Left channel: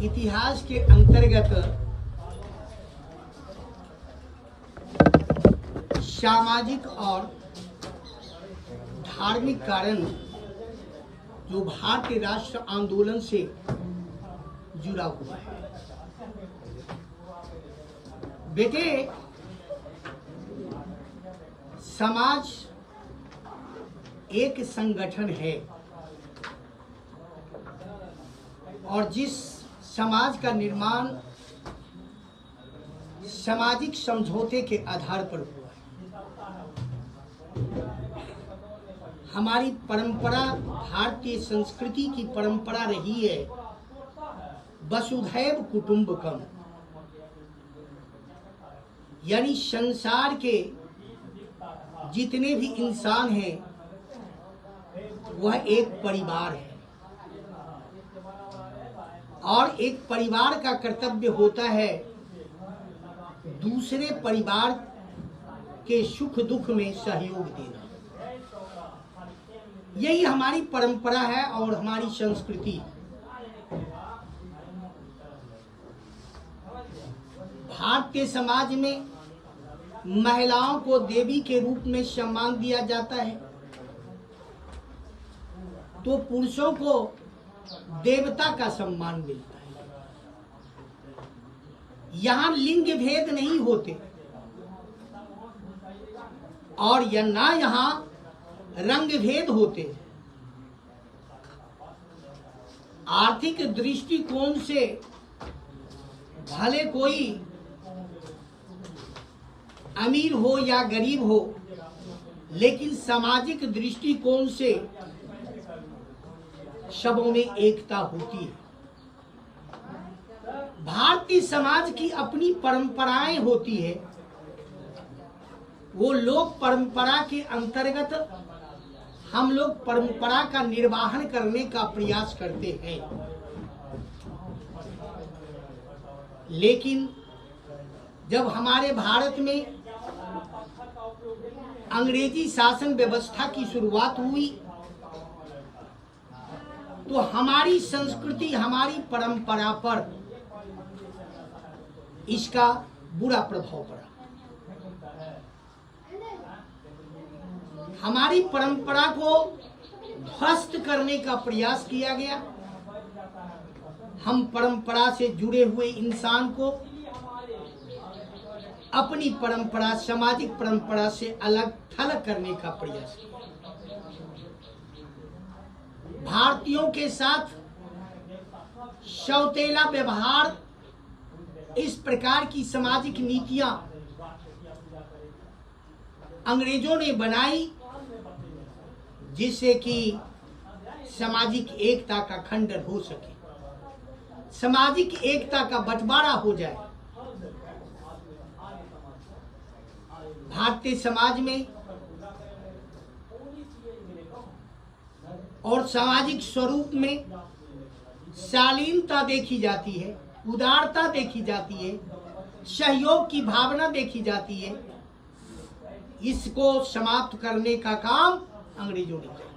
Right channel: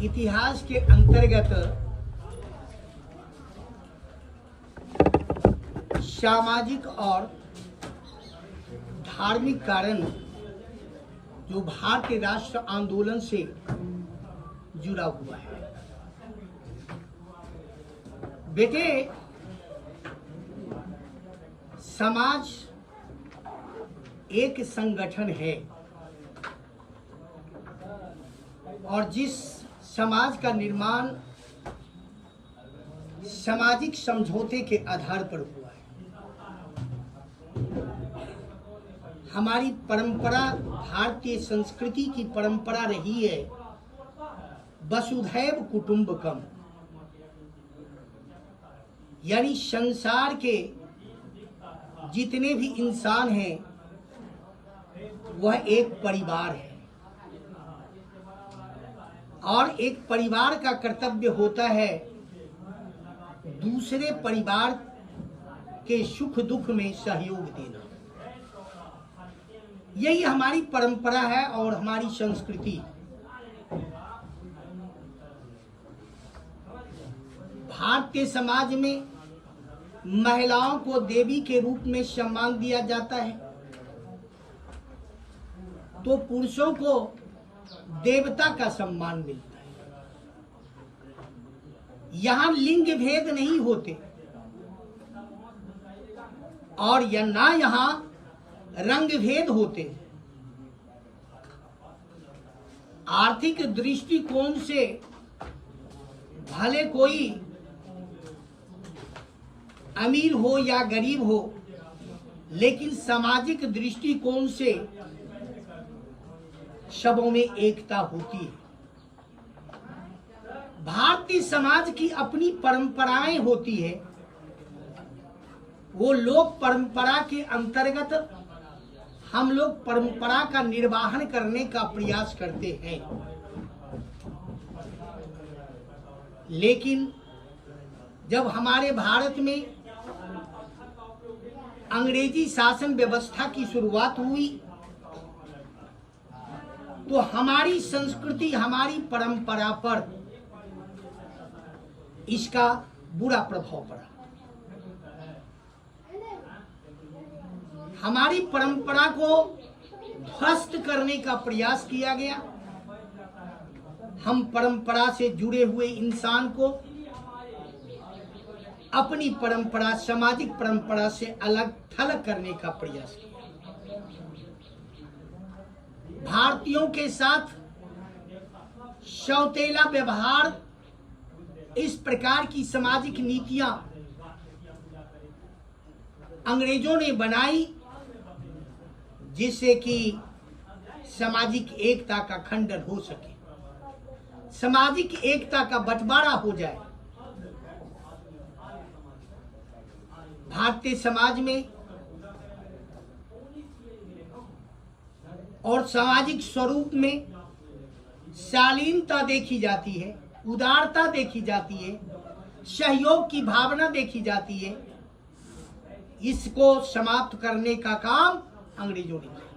इतिहास के अंतर्गत सामाजिक और धार्मिक कारण जो भारतीय राष्ट्र आंदोलन से जुड़ा हुआ है। बेटे, समाज एक संगठन है और जिस समाज का निर्माण सामाजिक समझौते के आधार पर हुआ है। हमारी परंपरा, भारतीय संस्कृति की परंपरा रही है वसुधैव कुटुंबकम, यानी संसार के जितने भी इंसान हैं वह एक परिवार है और एक परिवार का कर्तव्य होता है दूसरे परिवार के सुख दुख में सहयोग देना। यही हमारी परंपरा है और हमारी संस्कृति। भारतीय समाज में महिलाओं को देवी के रूप में सम्मान दिया जाता है तो पुरुषों को देवता का सम्मान मिलता है। यहाँ लिंग भेद नहीं होते और या ना यहाँ रंग भेद होते। आर्थिक दृष्टिकोण से भले कोई अमीर हो या गरीब हो, लेकिन सामाजिक दृष्टिकोण से सबों में एकता होती है। भारतीय समाज की अपनी परंपराएं होती है। वो लोग परंपरा के अंतर्गत हम लोग परंपरा का निर्वहन करने का प्रयास करते हैं, लेकिन जब हमारे भारत में अंग्रेजी शासन व्यवस्था की शुरुआत हुई तो हमारी संस्कृति, हमारी परंपरा पर इसका बुरा प्रभाव पड़ा। हमारी परंपरा को ध्वस्त करने का प्रयास किया गया। हम परंपरा से जुड़े हुए इंसान को अपनी परंपरा, सामाजिक परंपरा से अलग थलग करने का प्रयास किया। भारतीयों के साथ सौतेला व्यवहार, इस प्रकार की सामाजिक नीतियां अंग्रेजों ने बनाई जिससे कि सामाजिक एकता का खंडन हो सके, सामाजिक एकता का बंटवारा हो जाए। भारतीय समाज में और सामाजिक स्वरूप में शालीनता देखी जाती है, उदारता देखी जाती है, सहयोग की भावना देखी जाती है। इसको समाप्त करने का काम अंग्रेजों ने किया,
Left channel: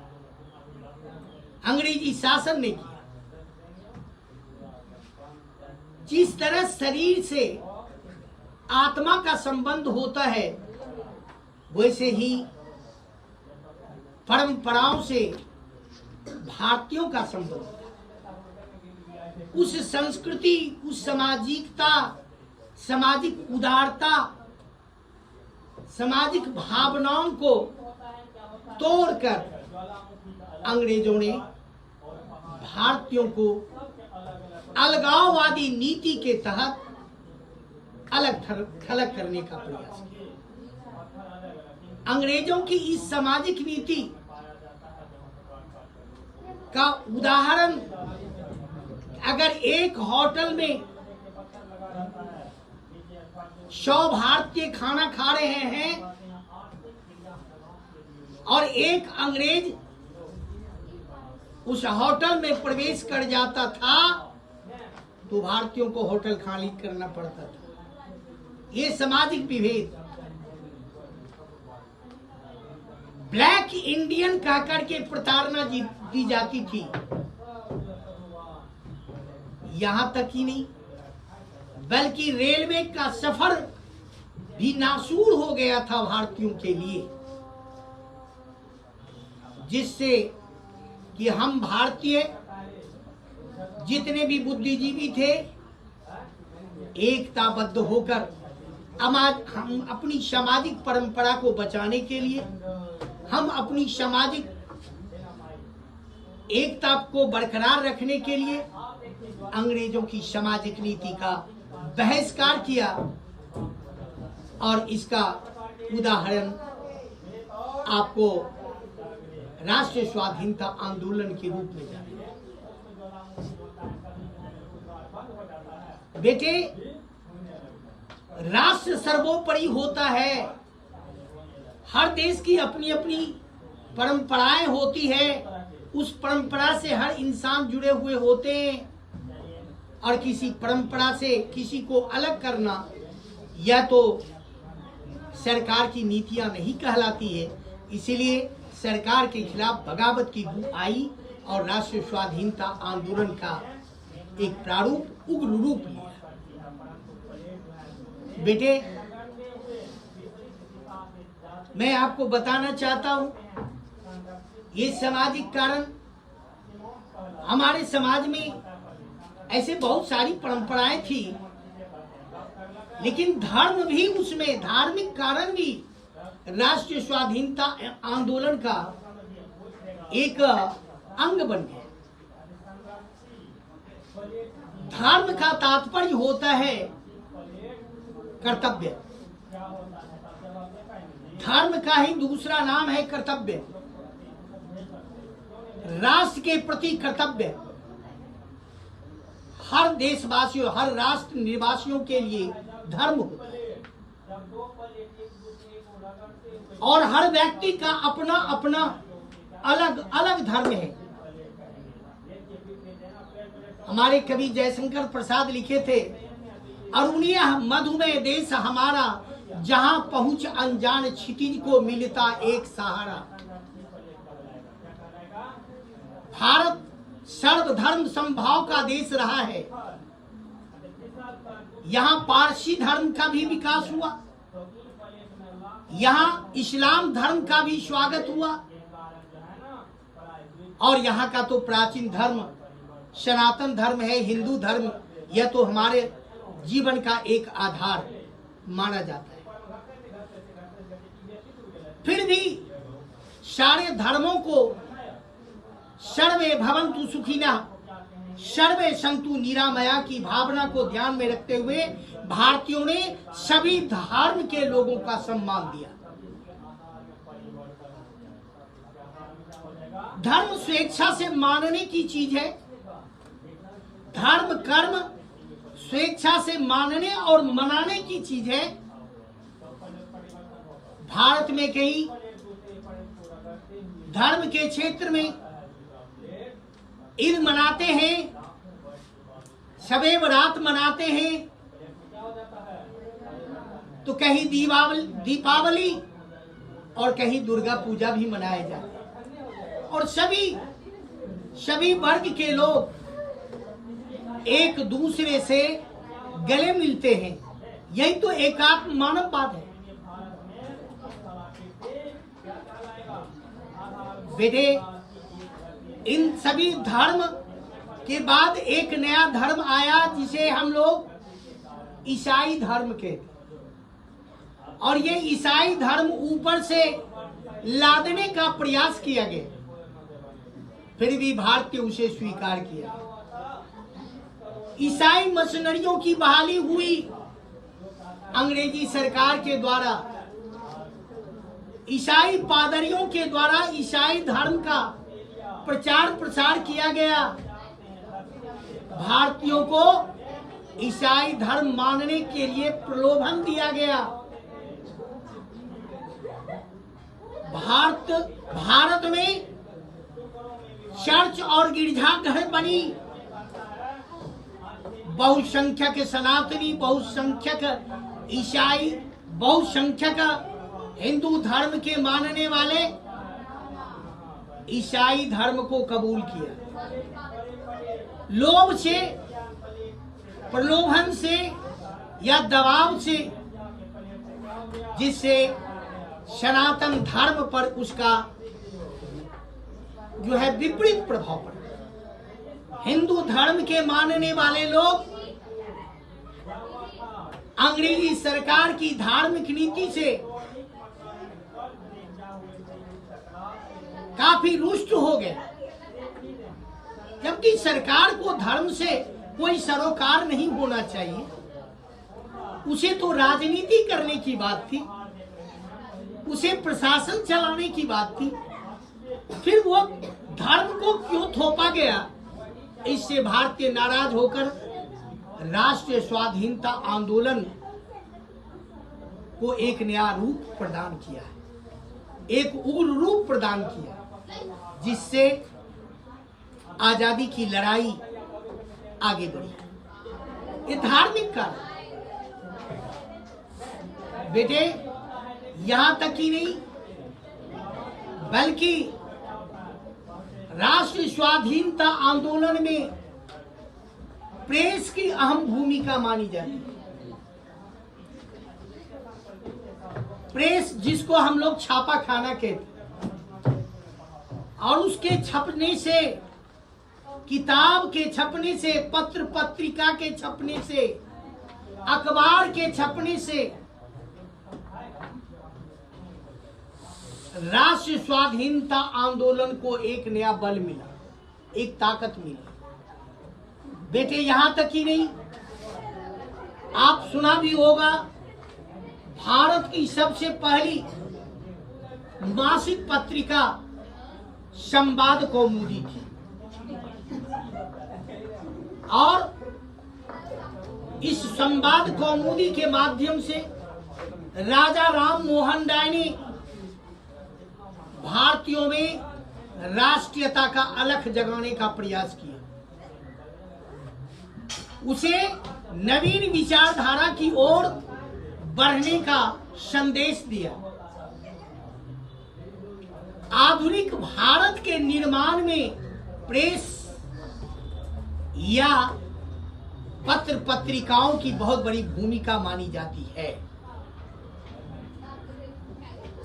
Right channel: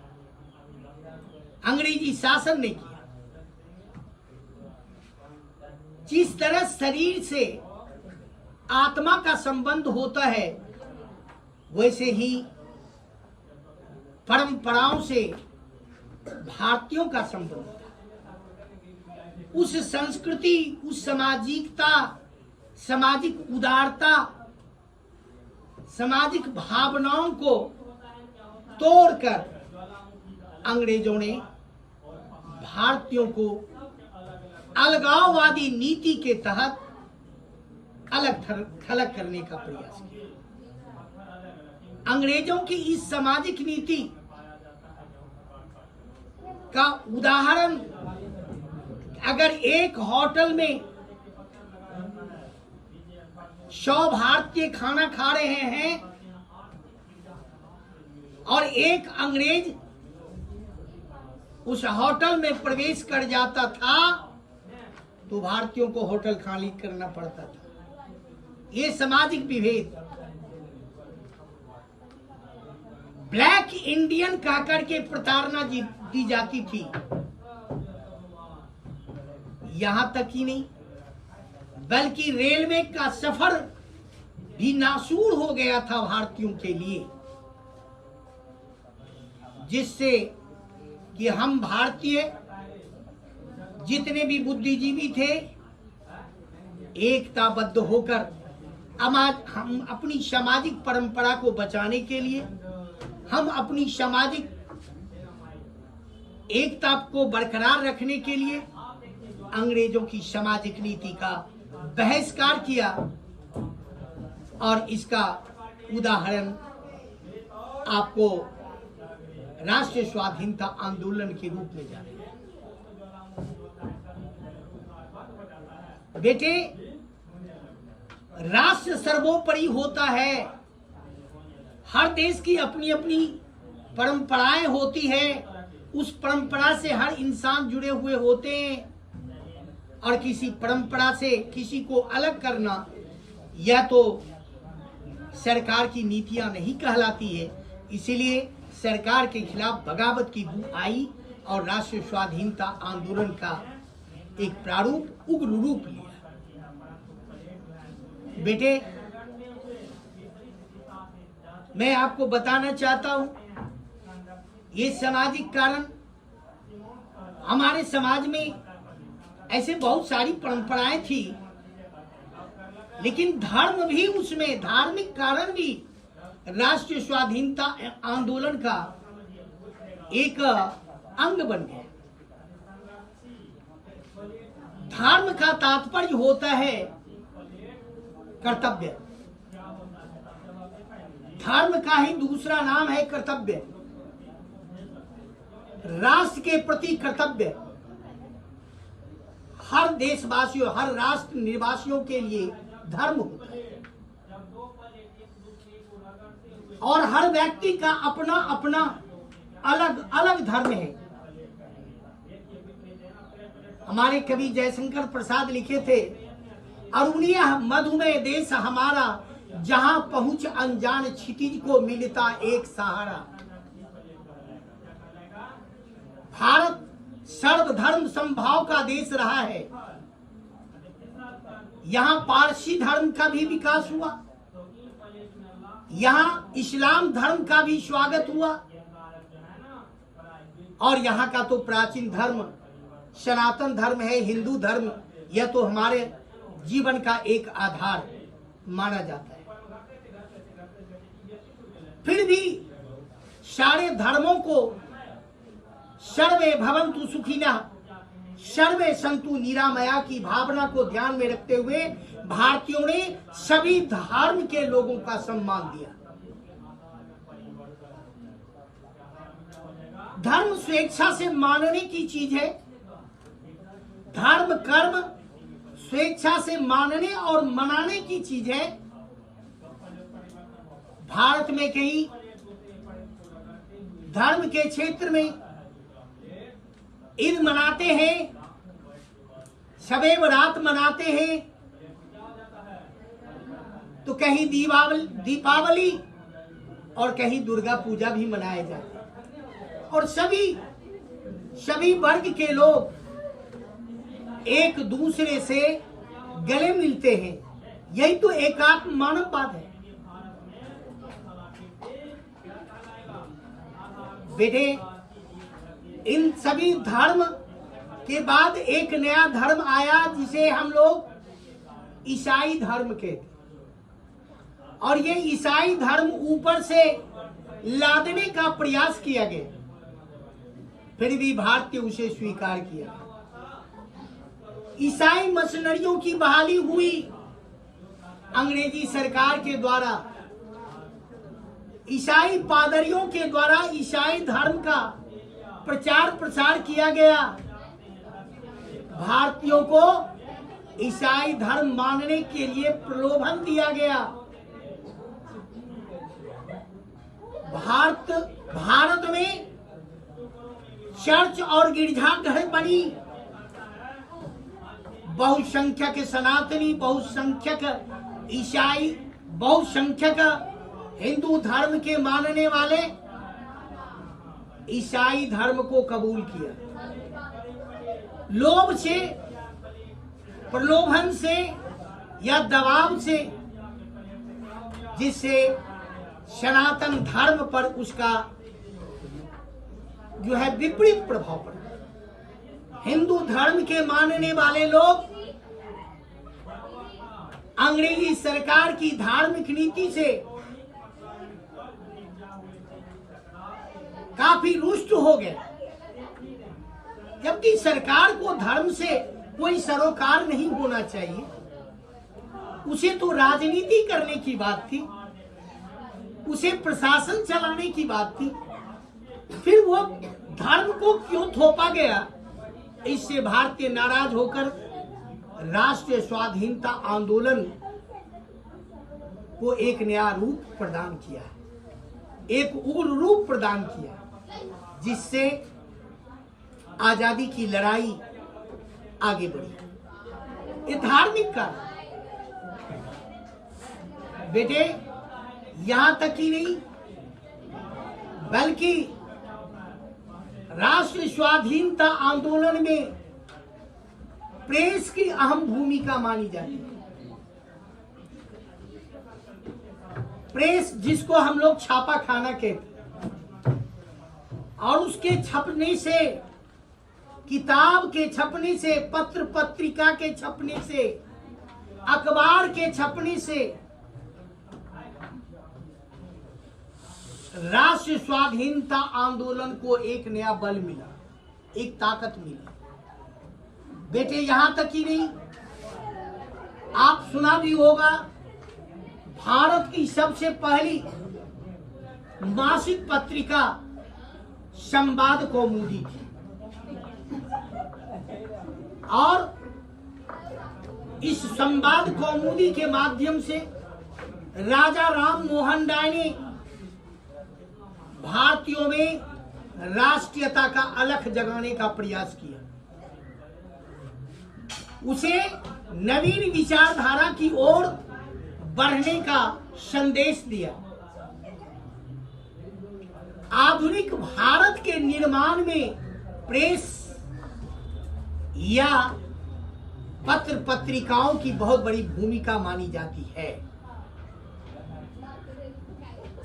अंग्रेजी शासन ने किया। जिस तरह शरीर से आत्मा का संबंध होता है, वैसे ही परंपराओं से भारतीयों का संबंध था। उस संस्कृति, उस सामाजिकता, सामाजिक उदारता, सामाजिक भावनाओं को तोड़कर अंग्रेजों ने भारतीयों को अलगाववादी नीति के तहत अलग थलग करने का प्रयास किया। अंग्रेजों की इस सामाजिक नीति का उदाहरण, अगर एक होटल में 100 भारतीय खाना खा रहे हैं और एक अंग्रेज उस होटल में प्रवेश कर जाता था तो भारतीयों को होटल खाली करना पड़ता था। ये सामाजिक विभेद, ब्लैक इंडियन कहकर के प्रताड़ना दी जाती थी। यहां तक ही नहीं बल्कि रेलवे का सफर भी नासूर हो गया था भारतीयों के लिए, जिससे कि हम भारतीय जितने भी बुद्धिजीवी थे एकताबद्ध होकर हम अपनी सामाजिक परंपरा को बचाने के लिए, हम अपनी सामाजिक एकता को बरकरार रखने के लिए अंग्रेजों की सामाजिक नीति का बहिष्कार किया। और इसका उदाहरण आपको राष्ट्रीय स्वाधीनता आंदोलन के रूप में जाना है। बेटे, राष्ट्र सर्वोपरि होता है। हर देश की अपनी अपनी परंपराएं होती है, उस परंपरा से हर इंसान जुड़े हुए होते हैं और किसी परंपरा से किसी को अलग करना यह तो सरकार की नीतियां नहीं कहलाती है। इसीलिए सरकार के खिलाफ बगावत की बू आई और राष्ट्रीय स्वाधीनता आंदोलन का एक प्रारूप उग्र रूप लिया। बेटे, मैं आपको बताना चाहता हूं, ये सामाजिक कारण हमारे समाज में ऐसे बहुत सारी परंपराएं थी, लेकिन धर्म भी उसमें, धार्मिक कारण भी राष्ट्रीय स्वाधीनता आंदोलन का एक अंग बन गया। धर्म का तात्पर्य होता है कर्तव्य। धर्म का ही दूसरा नाम है कर्तव्य। राष्ट्र के प्रति कर्तव्य हर देशवासियों, हर राष्ट्र निवासियों के लिए धर्म होता है और हर व्यक्ति का अपना अपना अलग अलग धर्म है। हमारे कवि जयशंकर प्रसाद लिखे थे, अरुणिया मधुमेह देश हमारा, जहां पहुंच अनजान क्षितिज को मिलता एक सहारा। भारत सर्वधर्म समभाव का देश रहा है। यहाँ पारसी धर्म का भी विकास हुआ, यहाँ इस्लाम धर्म का भी स्वागत हुआ और यहाँ का तो प्राचीन धर्म सनातन धर्म है, हिंदू धर्म। यह तो हमारे जीवन का एक आधार माना जाता है। फिर भी सारे धर्मों को सर्वे भवन्तु सुखिनः, सर्वे सन्तु निरामया की भावना को ध्यान में रखते हुए भारतीयों ने सभी धर्म के लोगों का सम्मान दिया। धर्म स्वेच्छा से मानने की चीज है। धर्म कर्म स्वेच्छा से मानने और मनाने की चीज है। भारत में कई धर्म के क्षेत्र में ईद मनाते हैं, शबे बारात मनाते हैं, तो कहीं दीपावली और कहीं दुर्गा पूजा भी मनाए जाते हैं और सभी वर्ग के लोग एक दूसरे से गले मिलते हैं। यही तो एकात्म मानववाद है। बेटे, इन सभी धर्म के बाद एक नया धर्म आया जिसे हम लोग ईसाई धर्म कहते हैं और ये ईसाई धर्म ऊपर से लादने का प्रयास किया गया, फिर भी भारतीय उसे स्वीकार किया। ईसाई मिशनरियों की बहाली हुई अंग्रेजी सरकार के द्वारा। ईसाई पादरियों के द्वारा ईसाई धर्म का प्रचार प्रसार किया गया। भारतीयों को ईसाई धर्म मानने के लिए प्रलोभन दिया गया। भारत में चर्च और गिरजाघर बनी। बहुसंख्यक सनातनी, बहुसंख्यक ईसाई, बहुसंख्यक हिंदू धर्म के मानने वाले ईसाई धर्म को कबूल किया। लोभ से प्रलोभन से या दबाव से, जिससे सनातन धर्म पर उसका जो है विपरीत प्रभाव पड़ा। हिंदू धर्म के मानने वाले लोग अंग्रेजी सरकार की धार्मिक नीति से काफी रुष्ट हो गए, जबकि सरकार को धर्म से कोई सरोकार नहीं होना चाहिए। उसे तो राजनीति करने की बात थी, उसे प्रशासन चलाने की बात थी, फिर वो धर्म को क्यों थोपा गया? इससे भारतीय नाराज होकर राष्ट्रीय स्वाधीनता आंदोलन को एक नया रूप प्रदान किया, एक उग्र रूप प्रदान किया, जिससे आजादी की लड़ाई आगे बढ़ी। ये धार्मिक कारण बेटे, यहां तक ही नहीं बल्कि राष्ट्रीय स्वाधीनता आंदोलन में प्रेस की अहम भूमिका मानी जाती है। प्रेस जिसको हम लोग छापा खाना कहते, और उसके छपने से, किताब के छपने से, पत्र पत्रिका के छपने से, अखबार के छपने से राष्ट्रीय स्वाधीनता आंदोलन को एक नया बल मिला, एक ताकत मिली। बेटे, यहां तक ही नहीं, आप सुना भी होगा, भारत की सबसे पहली मासिक पत्रिका संवाद कौमुदी थी, और इस संवाद कौमुदी के माध्यम से राजा राम मोहन राय ने भारतीयों में राष्ट्रीयता का अलख जगाने का प्रयास किया, उसे नवीन विचारधारा की ओर बढ़ने का संदेश दिया। आधुनिक भारत के निर्माण में प्रेस या पत्र पत्रिकाओं की बहुत बड़ी भूमिका मानी जाती है,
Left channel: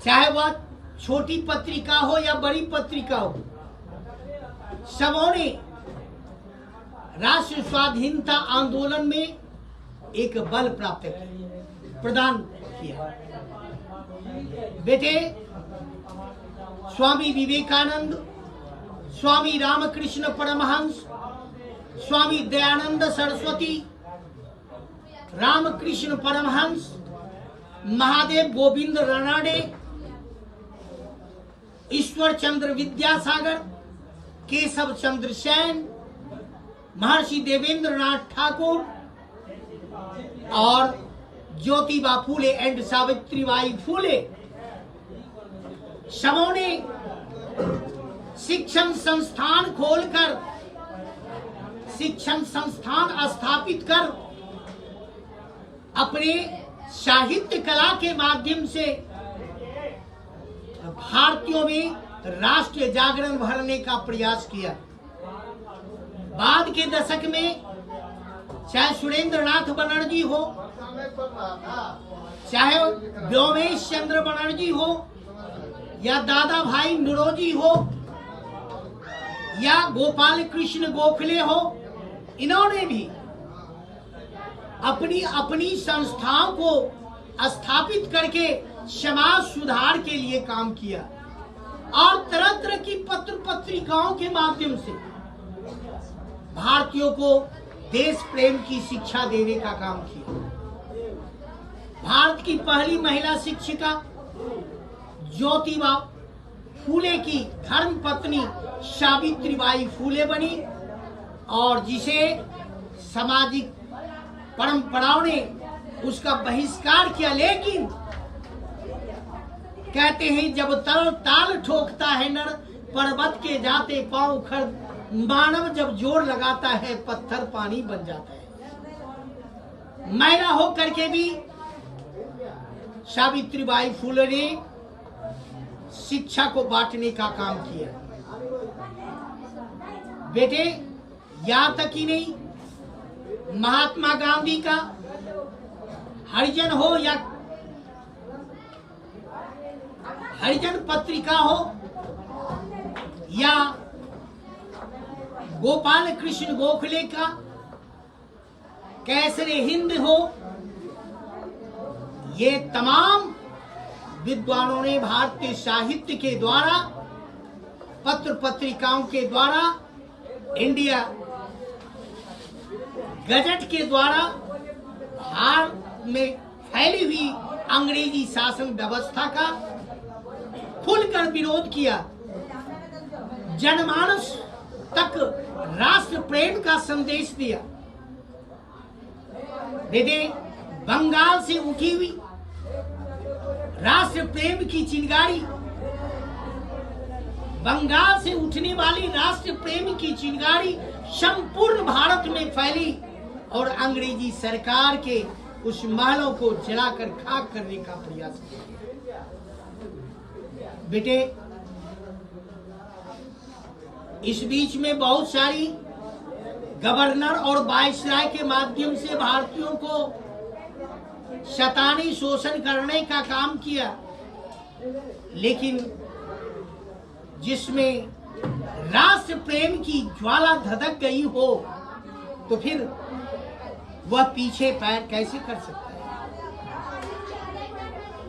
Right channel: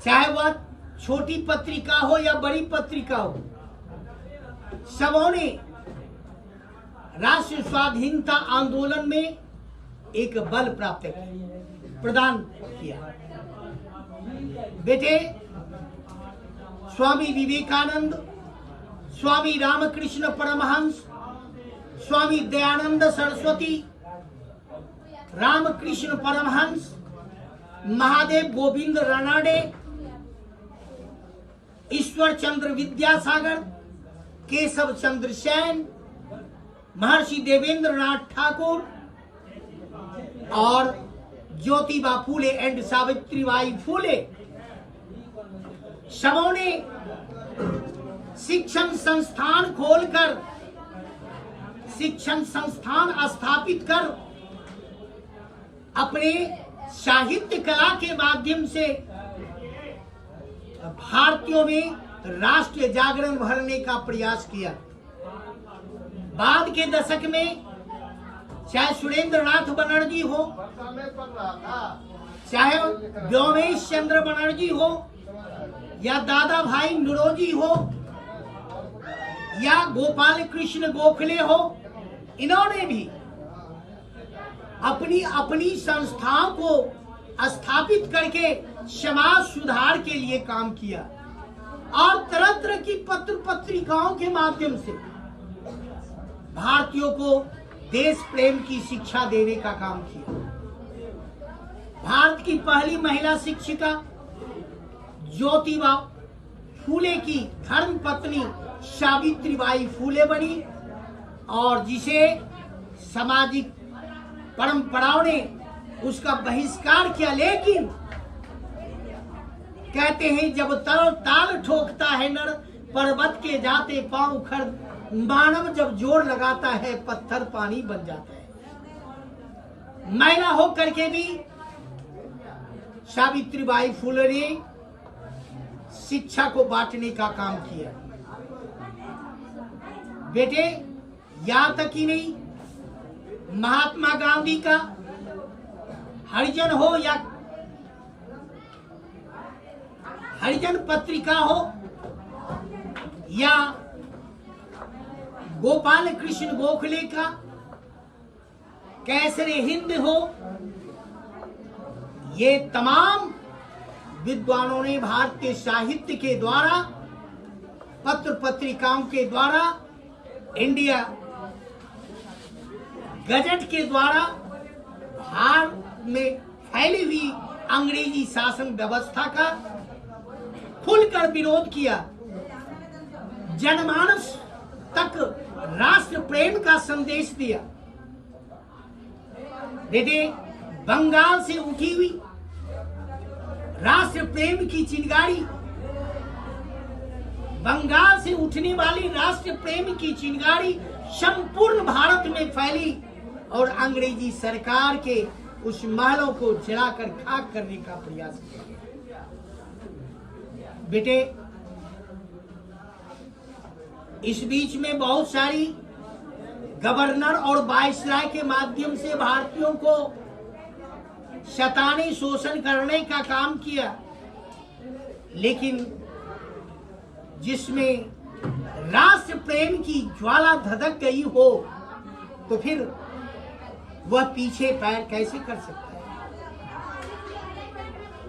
चाहे वह छोटी पत्रिका हो या बड़ी पत्रिका हो। सबों ने राष्ट्रीय स्वाधीनता आंदोलन में एक बल प्राप्त प्रदान किया। बेटे, स्वामी विवेकानंद, स्वामी रामकृष्ण परमहंस, स्वामी दयानंद सरस्वती, रामकृष्ण परमहंस, महादेव गोविंद रानडे, ईश्वर चंद्र विद्यासागर, केशव चंद्र सेन, महर्षि देवेंद्र नाथ ठाकुर और ज्योतिबा फूले एंड सावित्रीबाई फूले, सबों ने शिक्षण संस्थान खोलकर, शिक्षण संस्थान स्थापित कर अपने साहित्य कला के माध्यम से भारतीयों में राष्ट्रीय जागरण भरने का प्रयास किया। बाद के दशक में चाहे सुरेंद्र नाथ बनर्जी हो, चाहे व्योमेश चंद्र बनर्जी हो, या दादा भाई नौरोजी हो, या गोपाल कृष्ण गोखले हो, इन्होंने भी अपनी अपनी संस्थाओं को स्थापित करके समाज सुधार के लिए काम किया, और तरह तरह की पत्र पत्रिकाओं के माध्यम से भारतीयों को देश प्रेम की शिक्षा देने का काम किया। भारत की पहली महिला शिक्षिका ज्योतिबा फूले की धर्म पत्नी सावित्रीबाई फूले बनी, और जिसे सामाजिक परंपराओं ने उसका बहिष्कार किया। लेकिन कहते हैं, जब ताल ठोकता है नर, पर्वत के जाते पांव खर, मानव जब जोर लगाता है पत्थर पानी बन जाता है। महिला हो करके भी सावित्रीबाई फूले ने शिक्षा को बांटने का काम किया। बेटे, यहां तक ही नहीं, महात्मा गांधी का हरिजन हो या हरिजन पत्रिका हो या गोपाल कृष्ण गोखले का कैसरे हिंद हो, ये तमाम विद्वानों ने भारतीय साहित्य के द्वारा, पत्र पत्रिकाओं के द्वारा, इंडिया गजट के द्वारा भारत में फैली हुई अंग्रेजी शासन व्यवस्था का खुलकर विरोध किया। जनमानस तक राष्ट्र प्रेम का संदेश दिया। बेटे, बंगाल से उठी हुई राष्ट्र प्रेम की चिंगारी, बंगाल से उठने वाली राष्ट्र प्रेम की चिंगारी संपूर्ण भारत में फैली और अंग्रेजी सरकार के उस महलों को जलाकर खाक करने का प्रयास किया। बेटे, इस बीच में बहुत सारी गवर्नर और वायसराय के माध्यम से भारतीयों को शैतानी शोषण करने का काम किया, लेकिन जिसमें राष्ट्र प्रेम की ज्वाला धधक गई हो तो फिर वह पीछे पैर कैसे कर सकता है।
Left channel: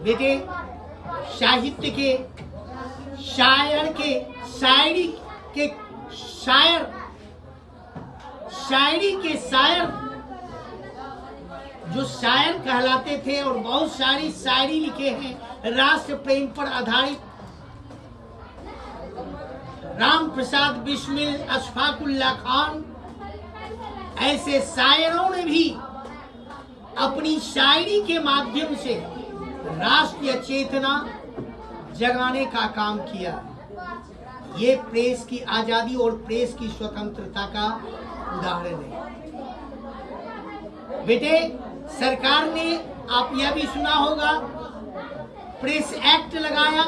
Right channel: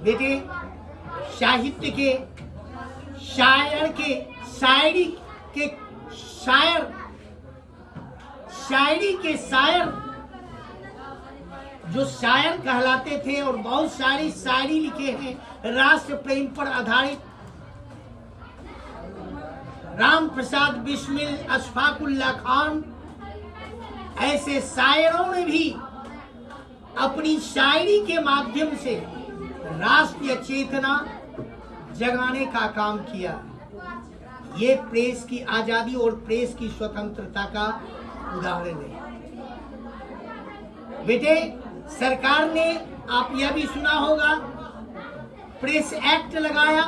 बेटे, साहित्य के शायर के शायरी के शायर जो शायर कहलाते थे और बहुत सारी शायरी लिखे हैं राष्ट्र प्रेम पर आधारित, राम प्रसाद बिस्मिल, अशफाकुल्ला खान, ऐसे शायरों ने भी अपनी शायरी के माध्यम से राष्ट्रीय चेतना जगाने का काम किया। ये प्रेस की आजादी और प्रेस की स्वतंत्रता का उदाहरण है। बेटे, सरकार ने, आप यह भी सुना होगा, प्रेस एक्ट लगाया,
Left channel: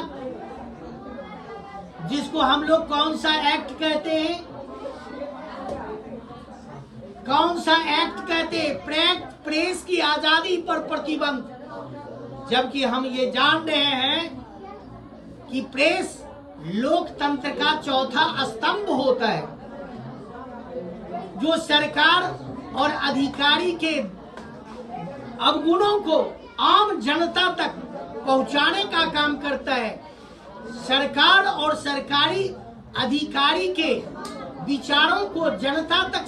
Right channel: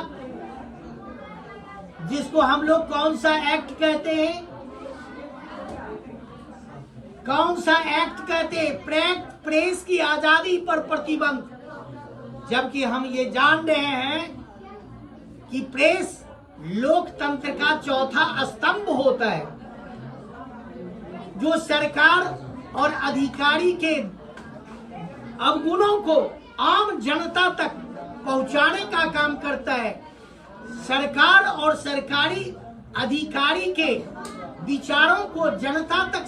जिसको हम लोग कौन सा एक्ट कहते हैं? कौन सा एक्ट कहते हैं? प्रेस की आजादी पर प्रतिबंध। जबकि हम ये जान रहे हैं कि प्रेस लोकतंत्र का चौथा स्तंभ होता है, जो सरकार और अधिकारी के अवगुणों को आम जनता तक पहुंचाने का काम करता है। सरकार और सरकारी अधिकारी के विचारों को जनता तक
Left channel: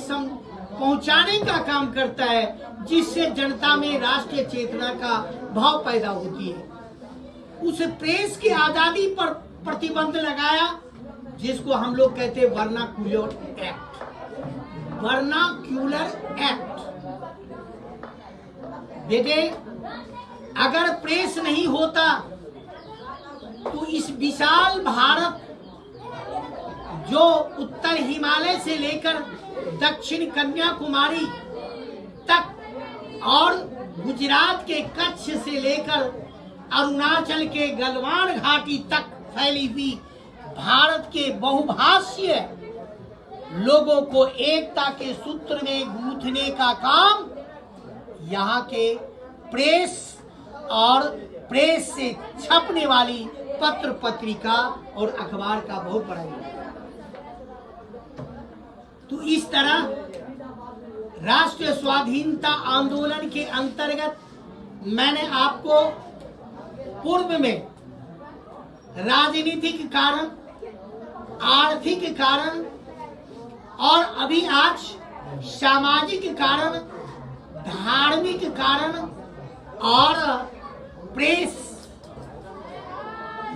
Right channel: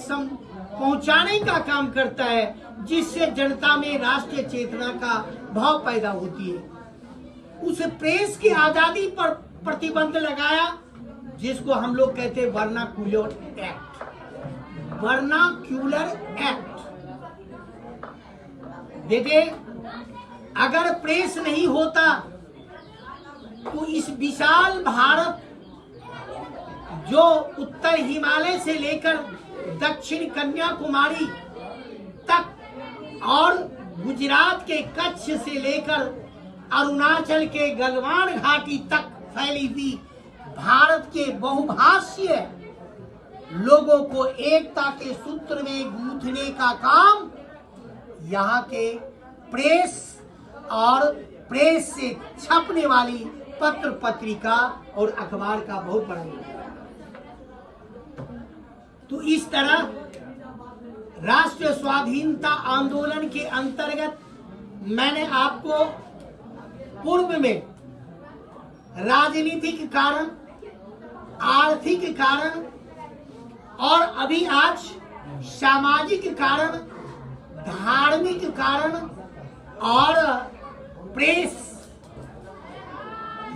पहुंचाने का काम करता है, जिससे जनता में राष्ट्रीय चेतना का भाव पैदा होती है। उस प्रेस की आजादी पर प्रतिबंध लगाया, जिसको हम लोग कहते हैं वर्नाक्यूलर एक्ट। Vernacular act. देखिए, अगर प्रेस नहीं होता तो इस विशाल भारत, जो उत्तर हिमालय से लेकर दक्षिण कन्याकुमारी तक और गुजरात के कच्छ से लेकर अरुणाचल के गलवान घाटी तक फैली हुई भारत के बहुभाषीय लोगों को एकता के सूत्र में गूंथने का काम यहाँ के प्रेस और प्रेस से छपने वाली पत्र पत्रिका और अखबार का बहुत बड़ा योगदान। तो इस तरह राष्ट्रीय स्वाधीनता आंदोलन के अंतर्गत मैंने आपको पूर्व में राजनीतिक कारण, आर्थिक कारण और अभी आज सामाजिक कारण, धार्मिक कारण और प्रेस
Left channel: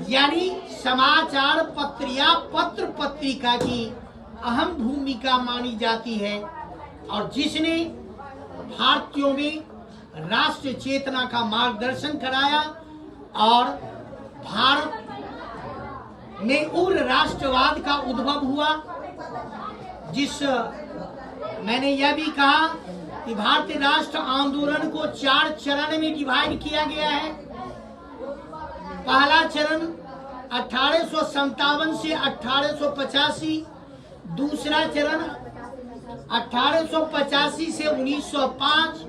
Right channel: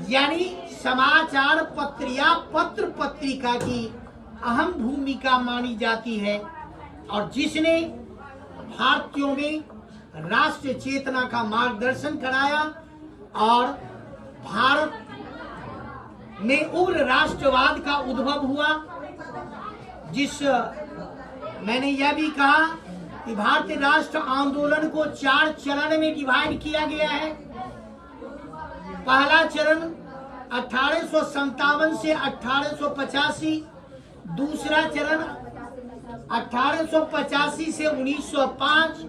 यानी समाचार पत्र या पत्र पत्रिका की अहम भूमिका मानी जाती है, और जिसने भारतीयों में राष्ट्रीय चेतना का मार्गदर्शन कराया और भारत में उग्र राष्ट्रवाद का उद्भव हुआ। जिस मैंने यह भी कहा कि भारतीय राष्ट्र आंदोलन को 4 चरण में डिवाइड किया गया है। पहला चरण 1857 से 1885, दूसरा चरण 1885 से 1905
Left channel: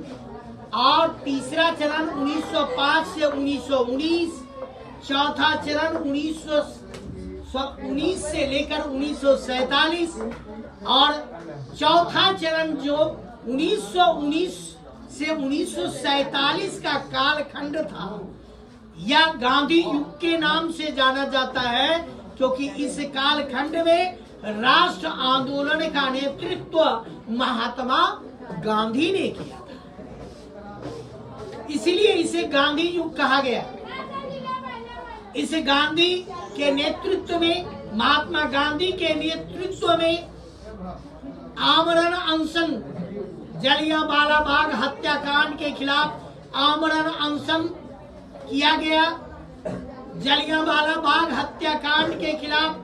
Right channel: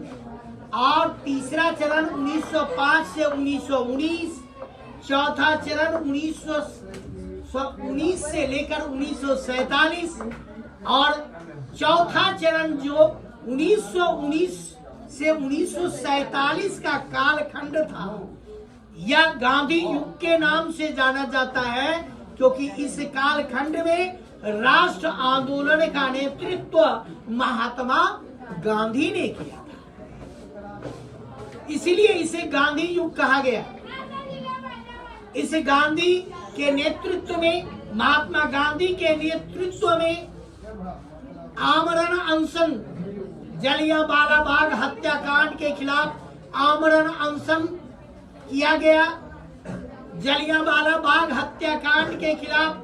और तीसरा चरण 1905 से 1919, चौथा चरण 1919 से लेकर 1947 और चौथा चरण जो 1919 से 1947 का कालखंड था, यह गांधी युग के नाम से जाना जाता है, क्योंकि इस कालखंड में राष्ट्र आंदोलन का नेतृत्व महात्मा गांधी ने किया था, इसलिए इसे गांधी युग कहा गया। इस गांधी के नेतृत्व में, महात्मा गांधी के नेतृत्व में आमरण अनशन, जलियांवाला बाग हत्याकांड के खिलाफ आमरण अनशन किया गया। जलियांवाला बाग हत्याकांड के खिलाफ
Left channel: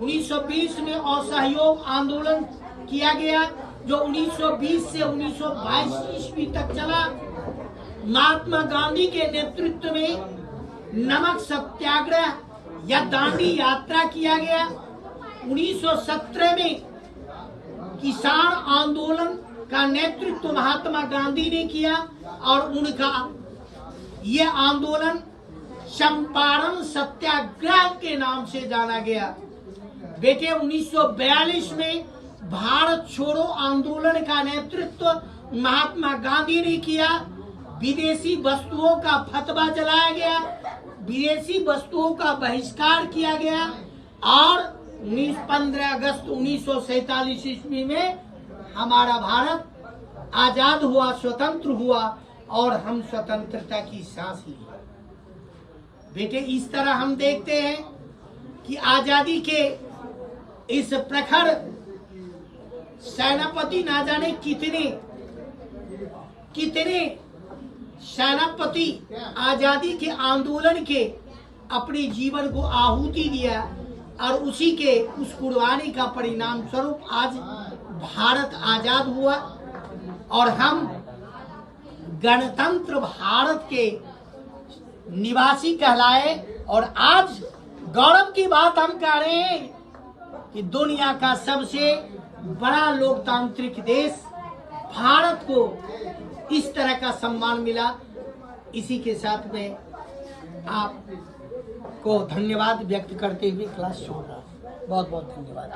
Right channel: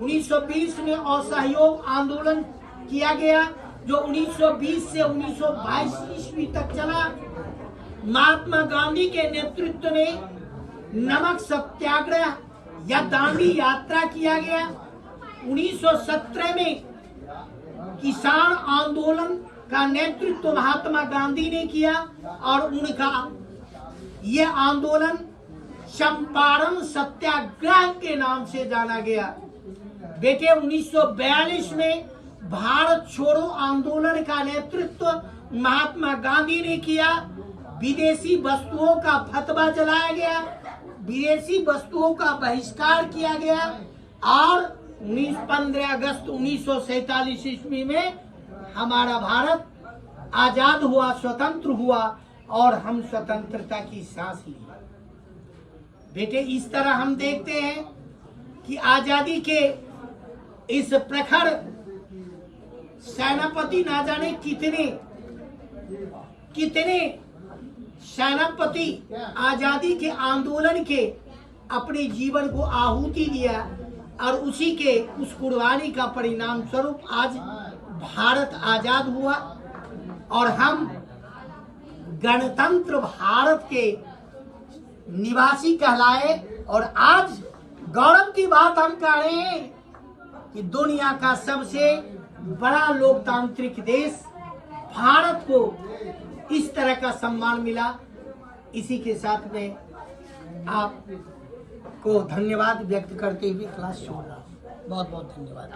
1920 में असहयोग आंदोलन किया गया, जो 1920 से 1922 ईस्वी तक चला। महात्मा गांधी के नेतृत्व में नमक सत्याग्रह या दांडी यात्रा किया गया। 1917 में किसान आंदोलन का नेतृत्व महात्मा गांधी ने किया और उनका यह आंदोलन चंपारण सत्याग्रह के नाम से जाना गया। बेटे 1942 में भारत छोड़ो आंदोलन का नेतृत्व महात्मा गांधी ने किया। विदेशी वस्तुओं का फतवा जलाया गया, विदेशी वस्तुओं का बहिष्कार किया गया और 15 अगस्त 1947 ईस्वी में हमारा भारत आजाद हुआ, स्वतंत्र हुआ और हम स्वतंत्रता की सांस ली। बेटे, इस तरह हम देखते हैं कि आजादी के इस प्रखर सेनापति ना जाने कितने सेनापति आजादी के आंदोलन के अपने जीवन को आहुति दिया और उसी के उस कुर्बानी का परिणाम स्वरूप आज भारत आजाद हुआ और हम गणतंत्र भारत के निवासी कहलाए। और आज गौरव की बात हम कह रहे हैं कि दुनिया का सबसे बड़ा लोकतांत्रिक देश भारत को इस तरह का सम्मान मिला। इसी के साथ में आपको धन्यवाद व्यक्त करते हुए क्लास छोड़ रहा हूँ। बहुत बहुत धन्यवाद।